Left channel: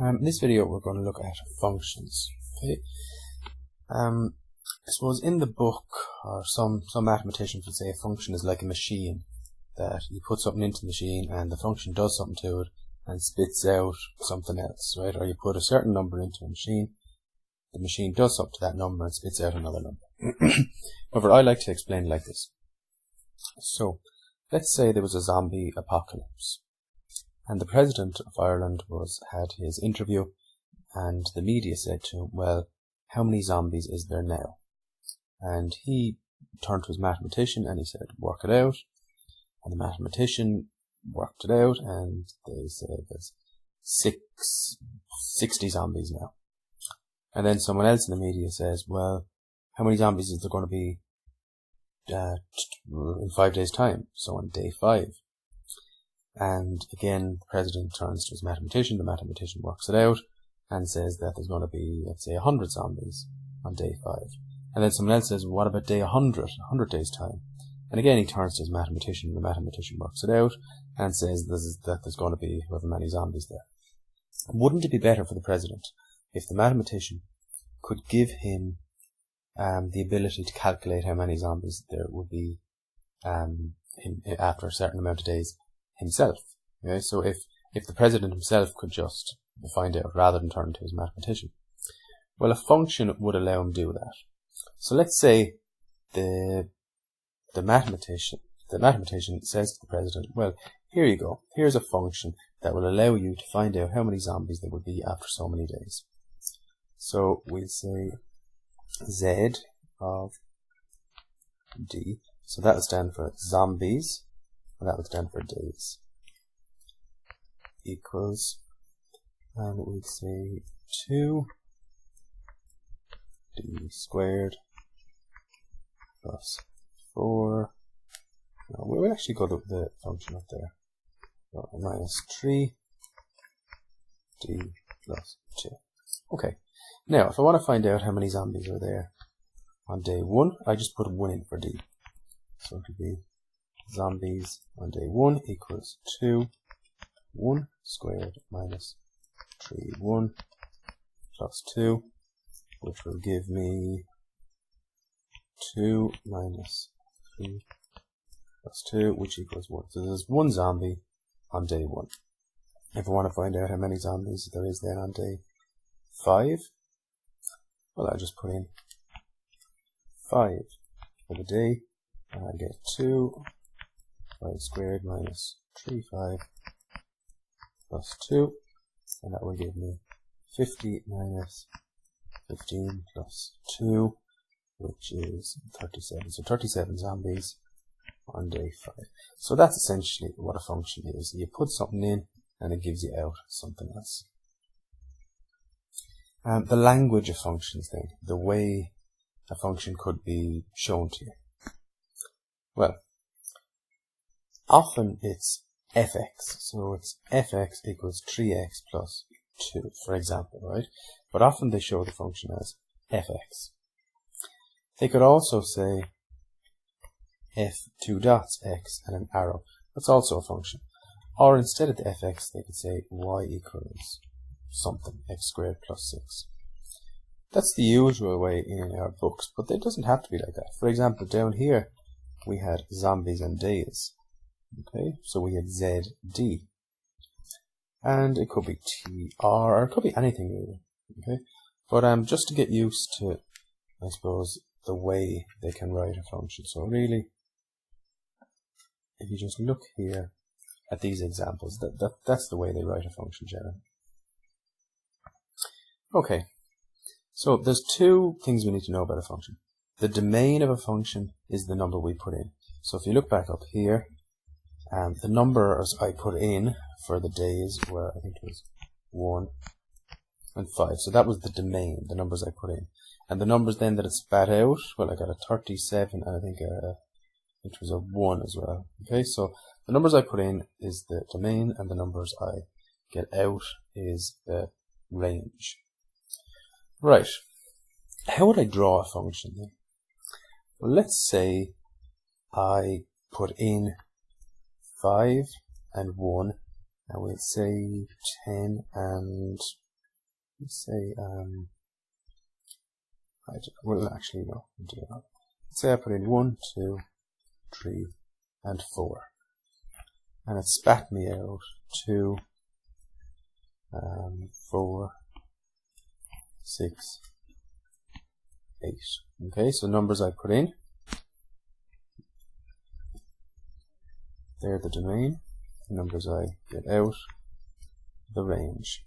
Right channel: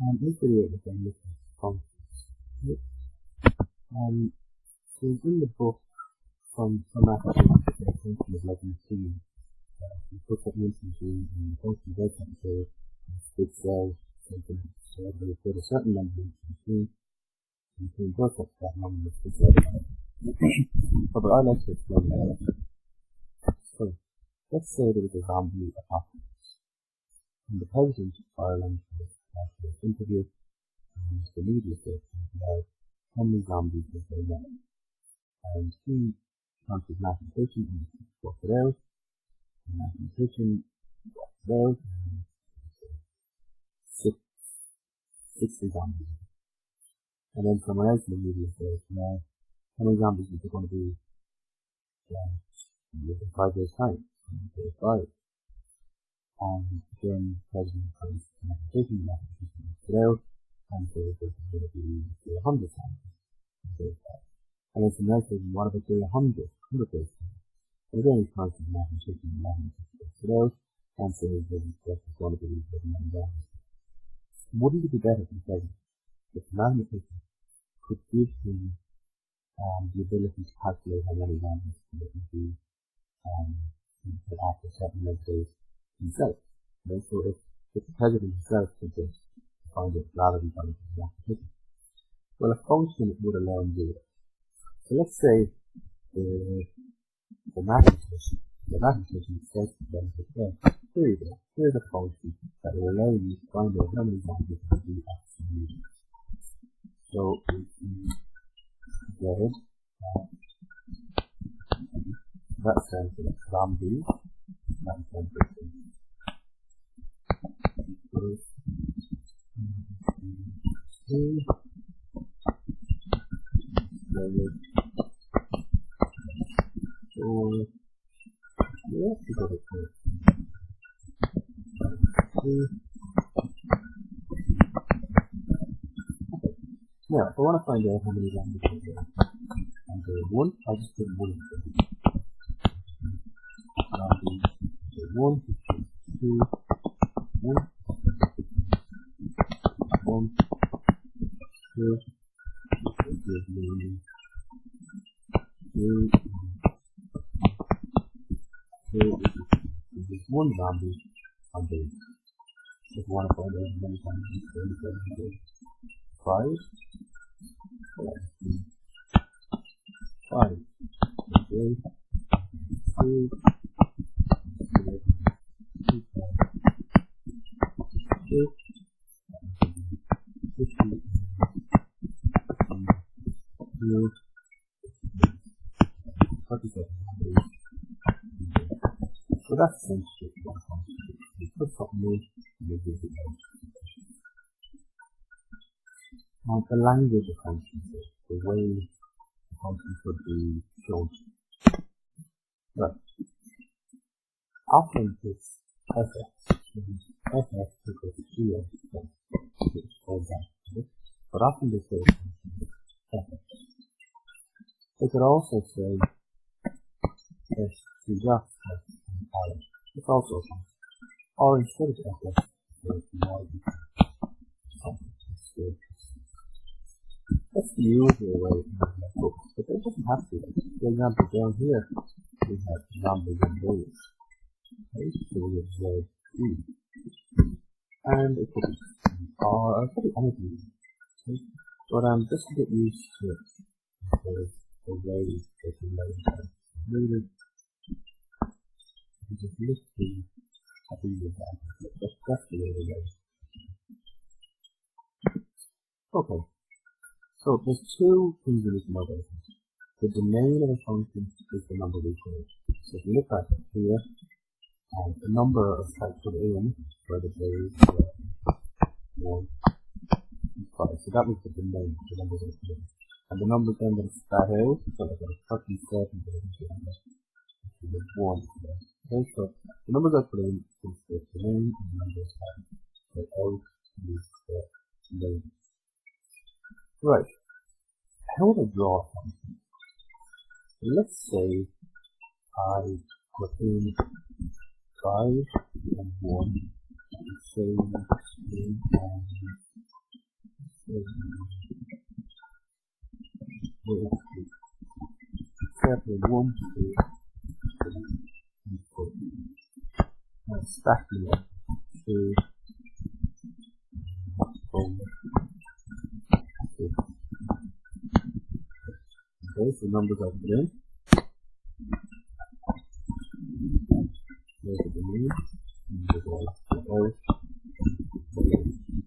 In this video we're going to look at functions. Okay. I suppose in the book, or some mathematician could say a function is like a machine, that you put something into the machine and the function does something to it and spits out something else, right? Or you put a certain number into a machine, the machine does something to that number and spits out another number. However, I like to explain it like this. So, let's say there was a zombie apocalypse, and the President of Ireland had his interview, and the media said to him, well, how many zombies is there now? And he turned to his mathematician and he said, work it out. And the mathematician worked it out, and they said there's 60 zombies now. And then someone else in the media says, well, how many zombies is there going to be in 5 days' time? So on day 5. And again, the President turns to his mathematician, the mathematician works it out and says that there's going to be, let's say, 100 zombies on day 5. And then someone else says, what about day 100 days' time? And again, he turns to his mathematician, and the mathematician works it out and says that there's going to be however many zombies there. Wouldn't it be better for the President if the mathematician could give him the ability to calculate how many zombies there would be after a certain amount of days himself? Okay? So if the President himself could just find out rather than turn to his mathematician, well, a function would allow him to do that. So let's say the mathematician says to the President, well, here you go. Here's a function that will allow you to find out how many zombies there would be after so many days. So we'll say Z of D. So that will stand for zombies, and that will stand for days. Equals, and we'll say 2 D squared plus 4. No, we'll actually go to the function up there. Minus 3 D plus 2. Okay. Now, if I want to find out how many zombies are there on day 1, I just put 1 in for D. So it would be zombies on day 1 equals 2, 1 squared minus 3, 1 plus 2, which will give me 2 minus 3 plus 2, which equals 1. So there's 1 zombie on day 1. If I want to find out how many zombies there is then on day 5, well, I just put in 5 for the day, and I get 2, 5 squared minus 3, 5 plus 2, and that will give me 50 minus 15 plus 2, which is 37. So 37 zombies on day 5. So that's essentially what a function is. You put something in and it gives you out something else. The language of functions then, the way a function could be shown to you. Well, often it's fx, so it's fx equals 3x plus 2, for example, right? But often they show the function as fx. They could also say f2 dots x and an arrow. That's also a function. Or instead of the fx, they could say y equals something, x squared plus 6. That's the usual way in our books, but it doesn't have to be like that. For example, down here we had zombies and days. Okay, so we had ZD. And it could be TR, or it could be anything really. Okay, but just to get used to, I suppose, the way they can write a function. So really, if you just look here at these examples, that's the way they write a function generally. Okay, so there's 2 things we need to know about a function. The domain of a function is the number we put in. So if you look back up here, the numbers I put in for the days were, I think it was 1 and 5. So that was the domain, the numbers I put in. And the numbers then that it spat out, well, I got a 37 and I think it was a 1 as well. Okay, so the numbers I put in is the domain, and the numbers I get out is the range. Right, how would I draw a function then? Well, let's say I put in 5 and 1 and we'll say 10 and we'll say right, well actually no, do not. Say I put in 1, 2, 3 and 4, and it spat me out 2, 4, 6, 8. Okay, so numbers I put in, they're the domain, the numbers I get out, the range.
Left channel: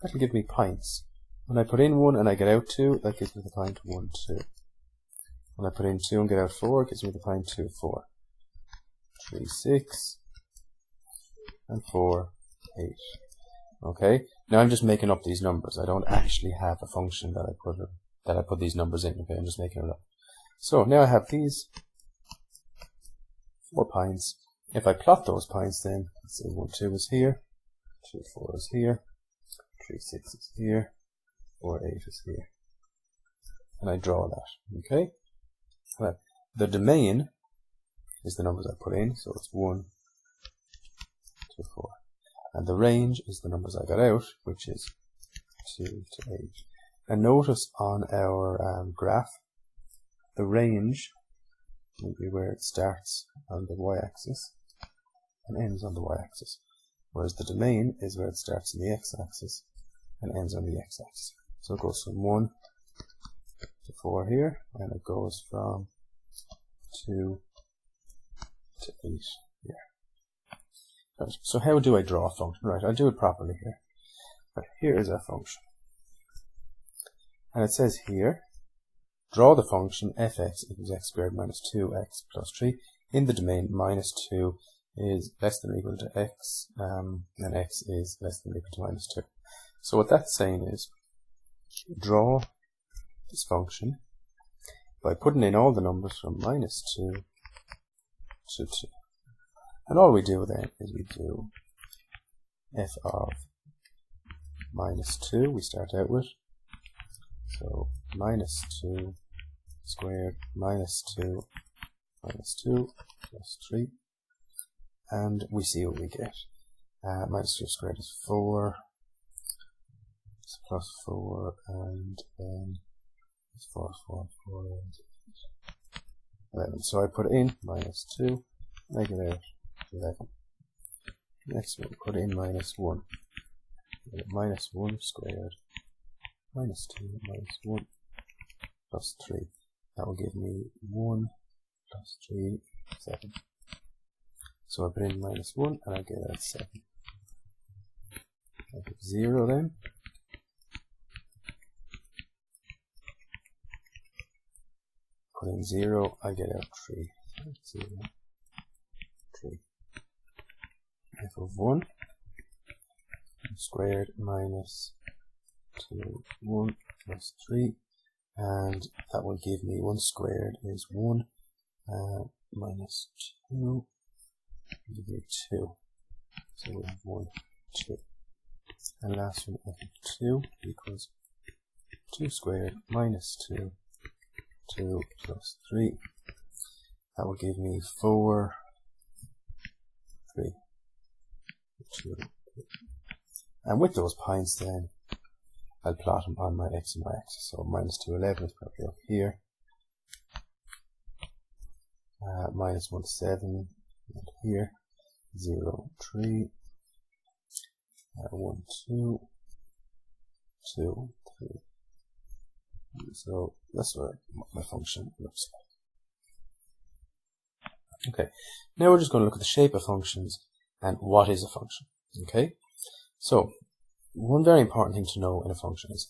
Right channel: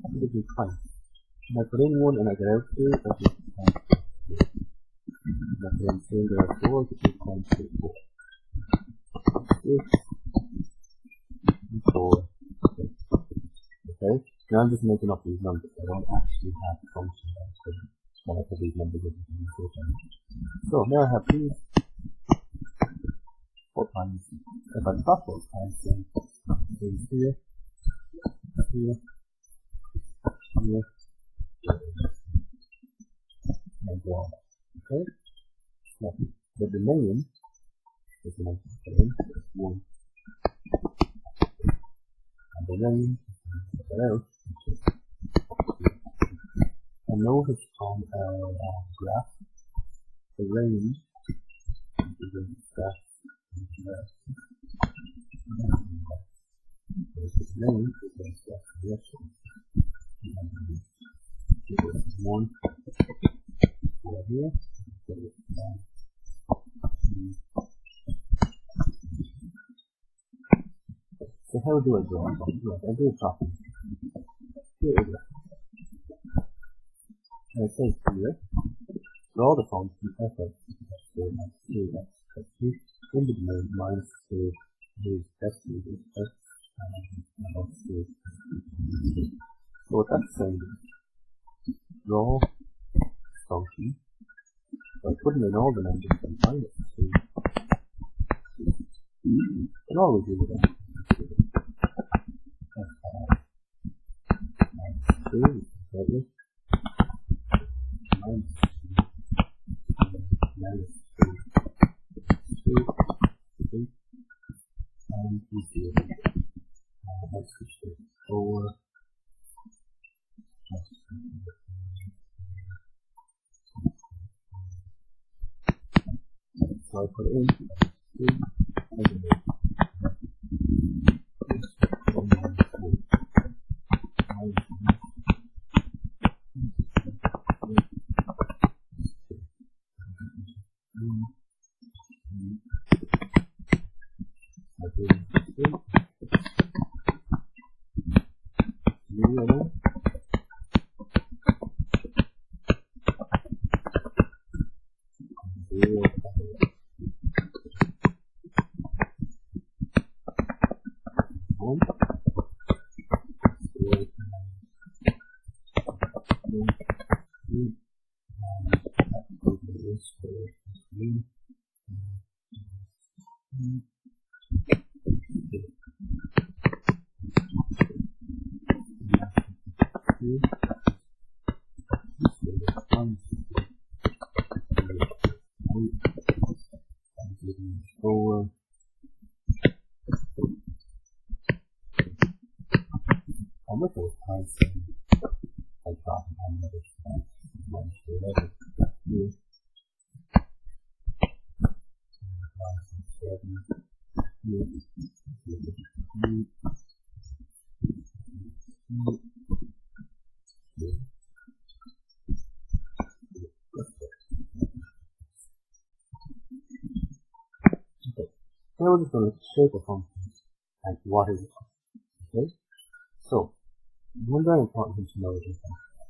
That'll give me pints. When I put in 1 and I get out 2, that gives me the pint 1, 2. When I put in 2 and get out 4, it gives me the pint 2, 4. 3, 6, and 4, 8. Okay, now I'm just making up these numbers. I don't actually have a function that I put these numbers in. Okay, I'm just making it up. So now I have these 4 pints. If I plot those pints, then let's say 1, 2 is here, 2, 4 is here, 3, 6 is here, 4, 8 is here, and I draw that. Okay, well, the domain is the numbers I put in, so it's 1, 2, 4, and the range is the numbers I got out, which is 2 to 8. And notice on our graph, the range will be where it starts on the y-axis and ends on the y-axis, whereas the domain is where it starts on the x-axis and ends on the x-axis. So it goes from 1 to 4 here, and it goes from 2 to 8 here. Right. So how do I draw a function? Right, I'll do it properly here. Right, here is our function. And it says here, draw the function fx equals x squared minus 2x plus 3 in the domain minus 2 is less than or equal to x, and x is less than or equal to minus 2. So what that's saying is, draw this function by putting in all the numbers from minus 2 to 2. And all we do then is we do f of minus 2, we start out with. So minus 2 squared minus 2 plus 3, and we see what we get. Minus 2 squared is 4, plus 4, and then 4, 11. So I put in minus 2, I get out 11. Next we put in minus 1. Minus 1 squared minus 2 minus 1 plus 3. That will give me 1 plus 3, 7. So I put in minus 1 and I get out 7. I put 0 then. Put in 0, I get out 3. 0, 3. F of 1 squared minus 2, 1 plus 3, and that will give me 1 squared is 1 minus 2, give me 2. So 1, 2. And last one, f of 2 equals 2 squared minus 2, 2 plus 3. That will give me 4, 3, 2. And with those pints then, I'll plot them on my x and y axis. So minus 2, 11 is probably up here. Minus 1, 7 up here. 0, 3. 1, 2. 2, 3. So that's what my function looks like. Okay, now we're just going to look at the shape of functions and what is a function. Okay, so one very important thing to know in a function is,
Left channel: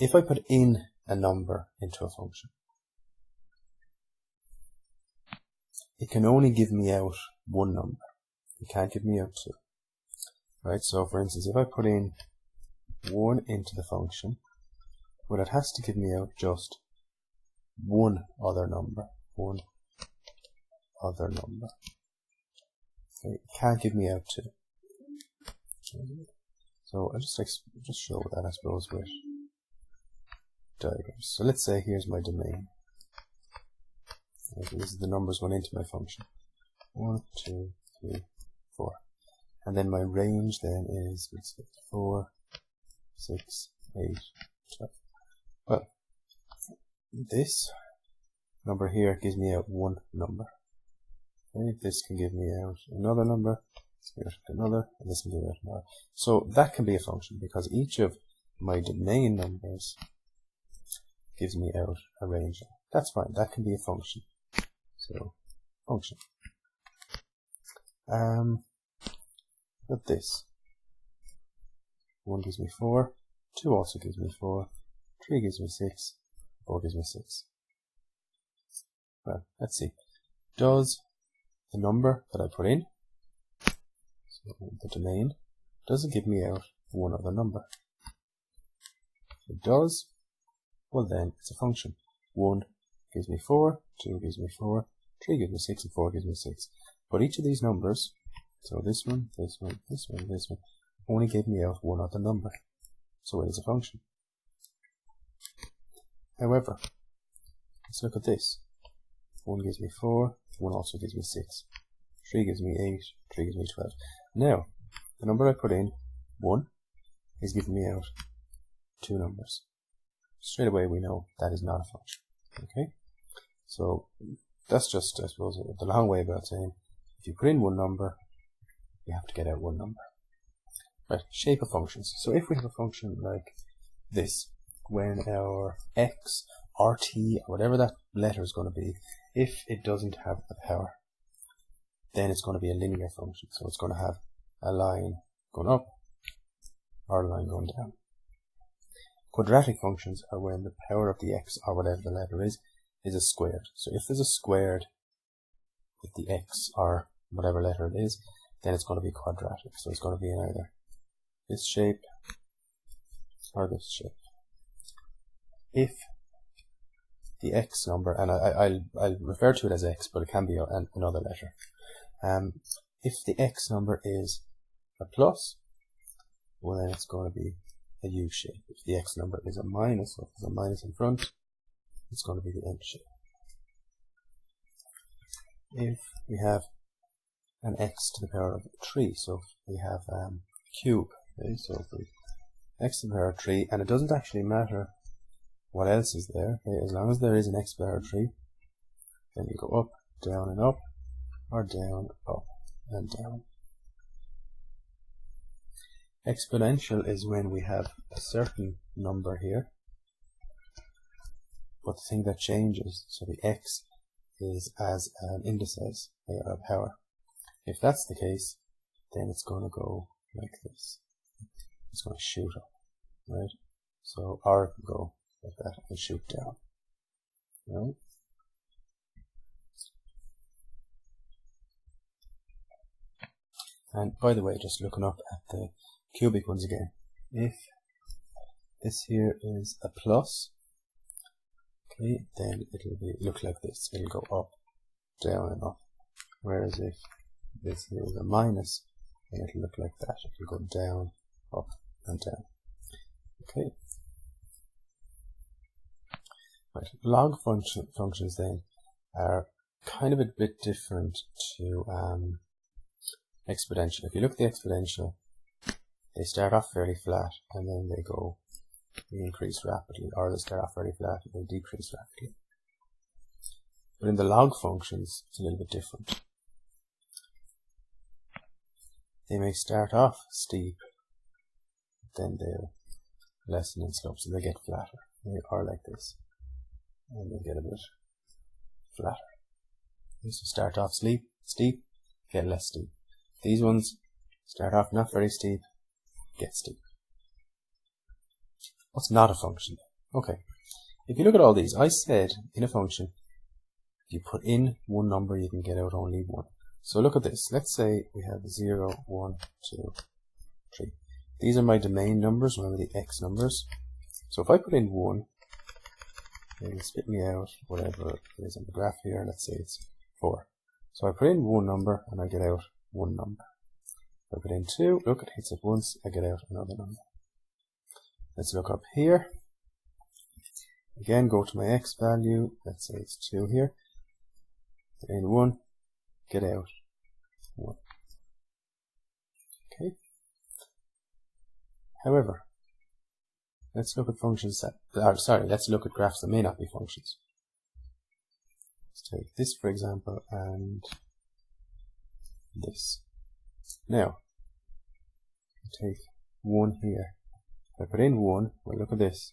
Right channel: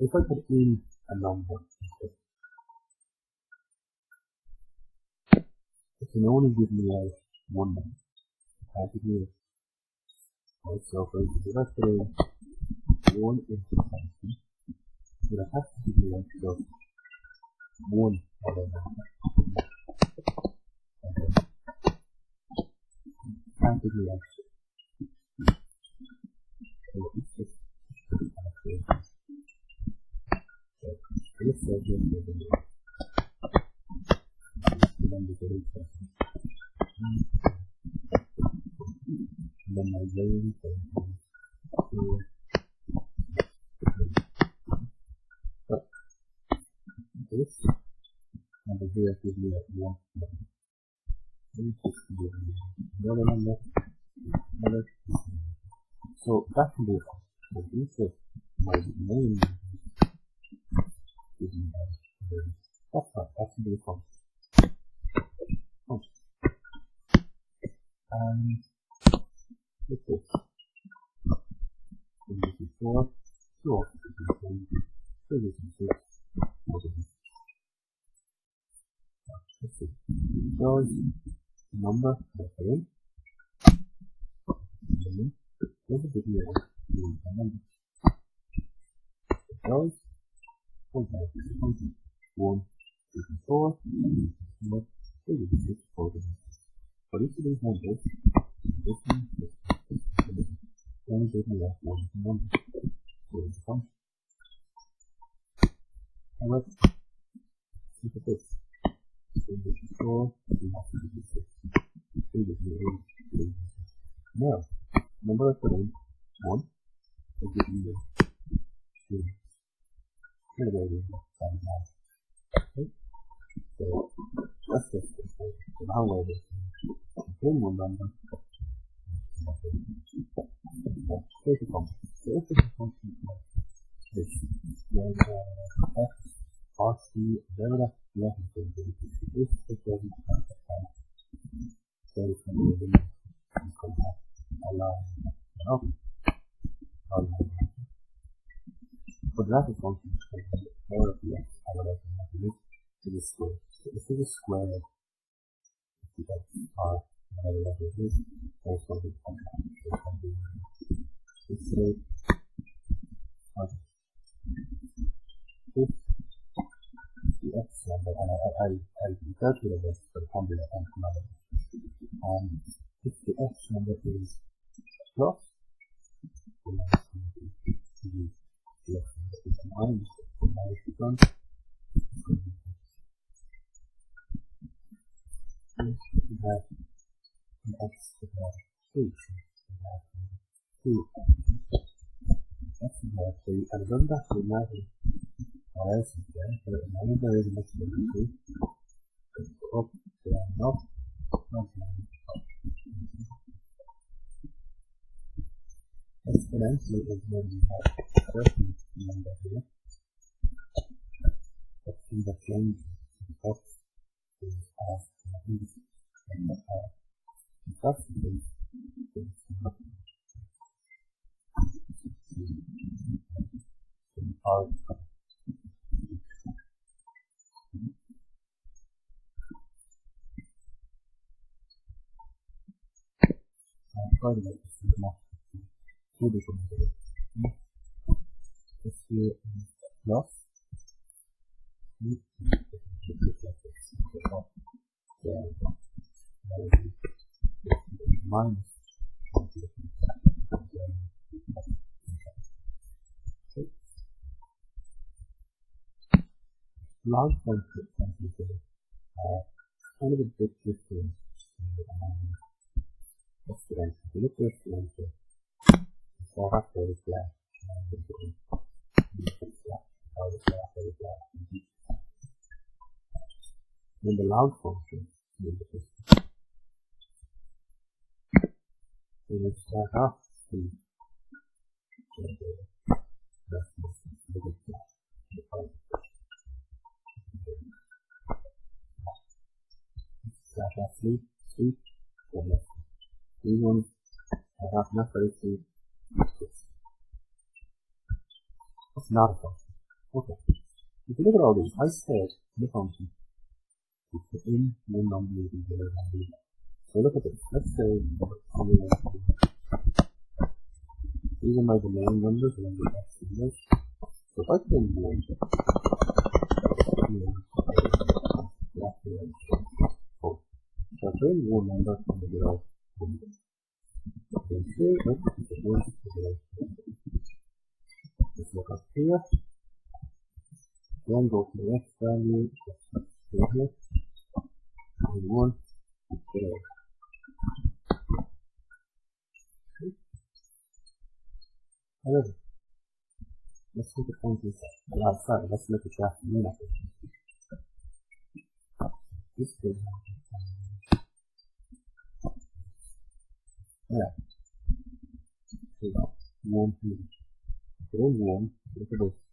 if I put in a number into a function, it can only give me out one number. It can't give me out 2. Right, so for instance, if I put in 1 into the function, well, it has to give me out just one other number. One other number. Okay, it can't give me out 2. So I'll just show that, I suppose, with diagrams. So let's say here's my domain. Okay, these are the numbers going into my function. 1, 2, 3, 4. And and then my range then is 4, 6, 8, 12. Well, this number here gives me out one number. Okay, this can give me out another number, this can give out another, and this can give out another. So that can be a function because each of my domain numbers gives me out a range. That's fine, that can be a function. So, function. With this, 1 gives me 4, 2 also gives me 4, 3 gives me 6, 4 gives me 6. Well, let's see. Does the number that I put in, so the domain, does it give me out one other number? If it does, well then it's a function. 1 gives me 4, 2 gives me 4, 3 gives me 6, and 4 gives me 6. But each of these numbers, so this one, this one, this one, this one, only gave me out one other number. So it is a function. However, let's look at this. 1 gives me 4, 1 also gives me 6, 3 gives me 8, 3 gives me 12. Now, the number I put in, 1, is giving me out two numbers. Straight away we know that is not a function. Okay? So, that's just, I suppose, the long way about saying, if you put in one number, you have to get out one number. Right, shape of functions. So if we have a function like this, when our x or t, or whatever that letter is going to be, if it doesn't have a power, then it's going to be a linear function. So it's going to have a line going up or a line going down. Quadratic functions are when the power of the x, or whatever the letter is a squared. So if there's a squared with the x or whatever letter it is, then it's going to be quadratic. So it's going to be in either this shape or this shape. If the x number, and I'll refer to it as x, but it can be another letter. If the x number is a plus, well then it's going to be a U shape. If the x number is a minus, so if there's a minus in front, it's going to be the N shape. If we have an x to the power of 3, so we have cube, okay? So if we x to the power of 3, and it doesn't actually matter what else is there, okay? As long as there is an x to the power of 3, then you go up, down and up, or down, up and down. Exponential is when we have a certain number here, but the thing that changes, so the x is as an indices, a power. If that's the case, then it's going to go like this. It's going to shoot up, right? So R can go like that and shoot down, right? And by the way, just looking up at the cubic ones again, if this here is a plus, okay, then it'll look like this. It'll go up, down and up. Whereas if this here is a minus, then it'll look like that. It'll go down, up and down. Okay. Right. Log functions then are kind of a bit different to exponential. If you look at the exponential, they start off fairly flat and then they increase rapidly, or they start off very flat and they decrease rapidly. But in the log functions, it's a little bit different. They may start off steep, then they'll lessen in slope, so they get flatter. They are like this, and they get a bit flatter. They used to start off steep, get less steep. These ones start off not very steep, get steep. What's not a function? Okay, if you look at all these, I said in a function, if you put in one number, you can get out only one. So look at this. Let's say we have 0, 1, 2, 3. These are my domain numbers, remember the x numbers. So if I put in 1, it'll spit me out whatever it is on the graph here. Let's say it's 4. So I put in one number and I get out one number. I put in 2, look, it hits it once, I get out another number. Let's look up here. Again, go to my x value. Let's say it's 2 here. Put in 1, get out 1. However, let's look at functions that, let's look at graphs that may not be functions. Let's take this, for example, and this. Now, take 1 here. If I put in 1, well, look at this.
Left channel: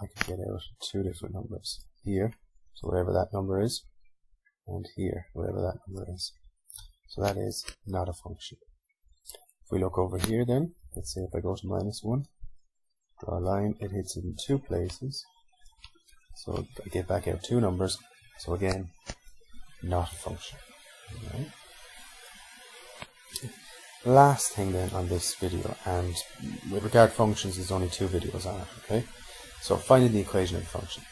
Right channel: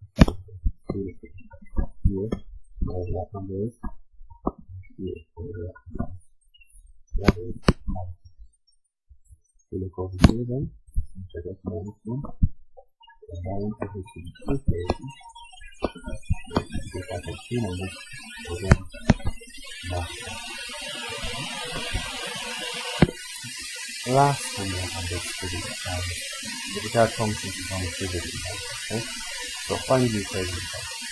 I can get out 2 different numbers. Here, so whatever that number is, and here, whatever that number is. So that is not a function. If we look over here then, let's say if I go to -1, draw a line, it hits it in 2 places. So we get back out 2 numbers. So again, not a function. Last thing then on this video, and with regard to functions, there's only 2 videos on it, okay? So finding the equation of the function.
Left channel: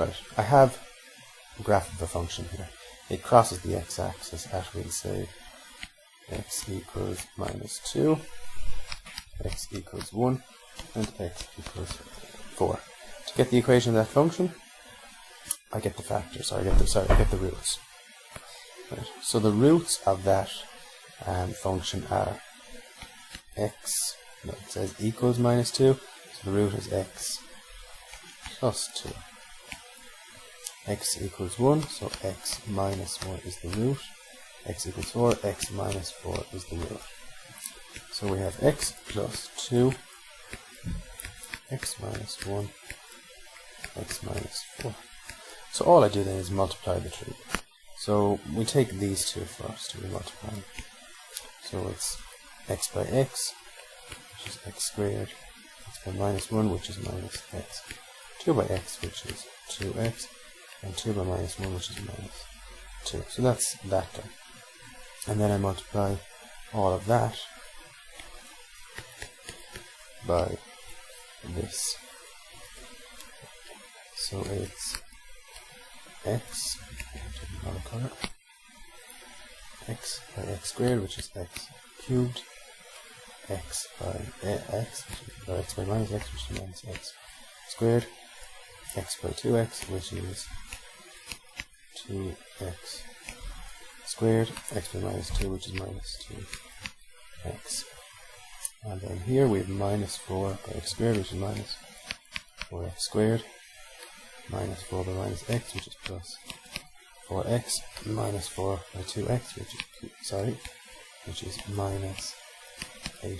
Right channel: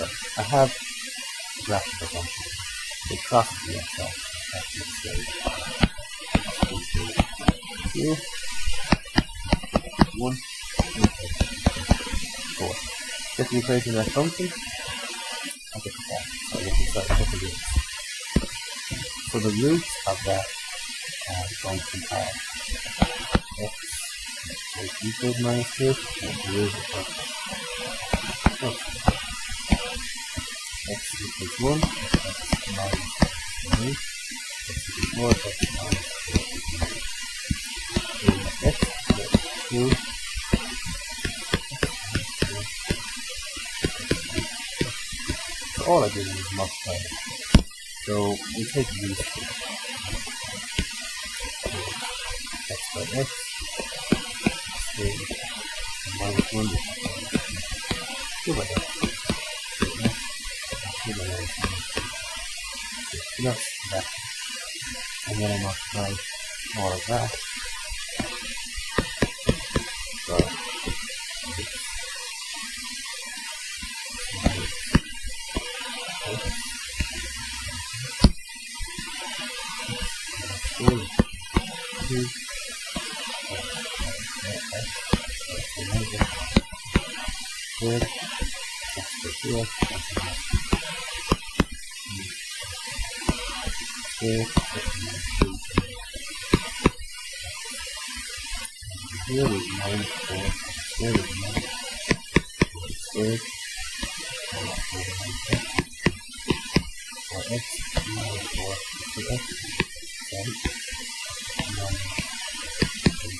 Right, I have a graph of the function here. It crosses the x-axis after we say x equals -2, x equals 1, and x equals 4. To get the equation of that function, I get the factors, so I get the roots. Okay. So the roots of that function are x, let's say equals -2, and the root of x plus 2. X equals 1, so x minus 4 is the root. X equals 4, x minus 4 is the root. So we have x plus 2, x minus 1, x minus 4. So all I do then is multiply the two. So we take these two first and multiply. So it's x by x squared, and -1, which is -x, 2 by x, which is 2x, and 2 by -1, which is -2. So that's that one. And then I multiply all of that by this. So it's x by x squared, which is x cubed, x by x, so x by -x, squared, x by 2x, which is 2x squared, x by -2, which is -2x. And then here we have -4 by x squared, which is -4x squared, -4 by -x, which is plus 4x, -4 by 2x, which is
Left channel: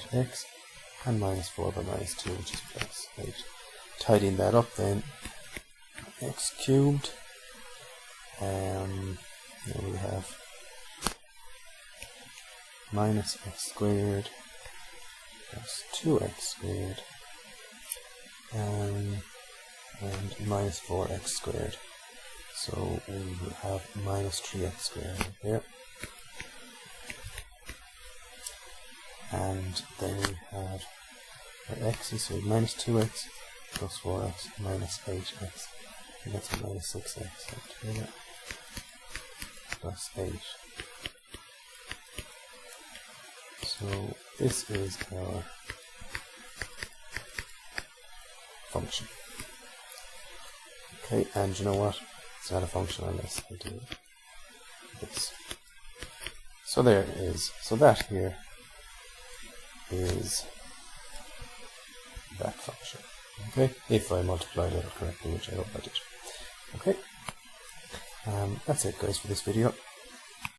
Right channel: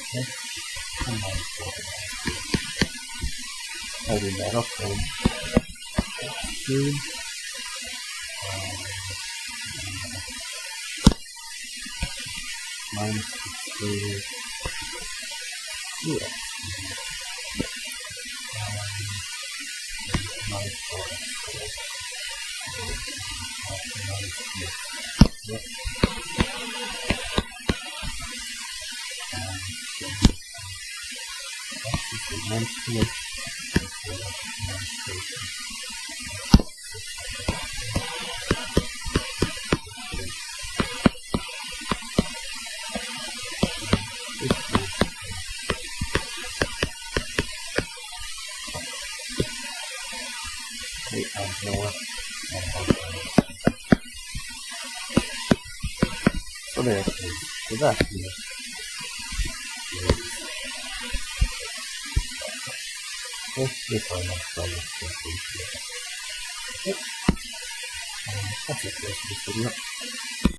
-8x, and -4 by -2, which is plus 8. Tidying that up then, x cubed, then we have -x squared, 2x squared, and -4x squared. So we have -3x squared here. And then we have the x is -2x plus 4x minus 8x. And that's -6x. Plus 8. So this is the function. Okay, and you know what? It's not a function, I'm going to continue. So there it is. So that here is that function. Okay, if I multiply it correctly, which I will. Okay, that's it guys for this video.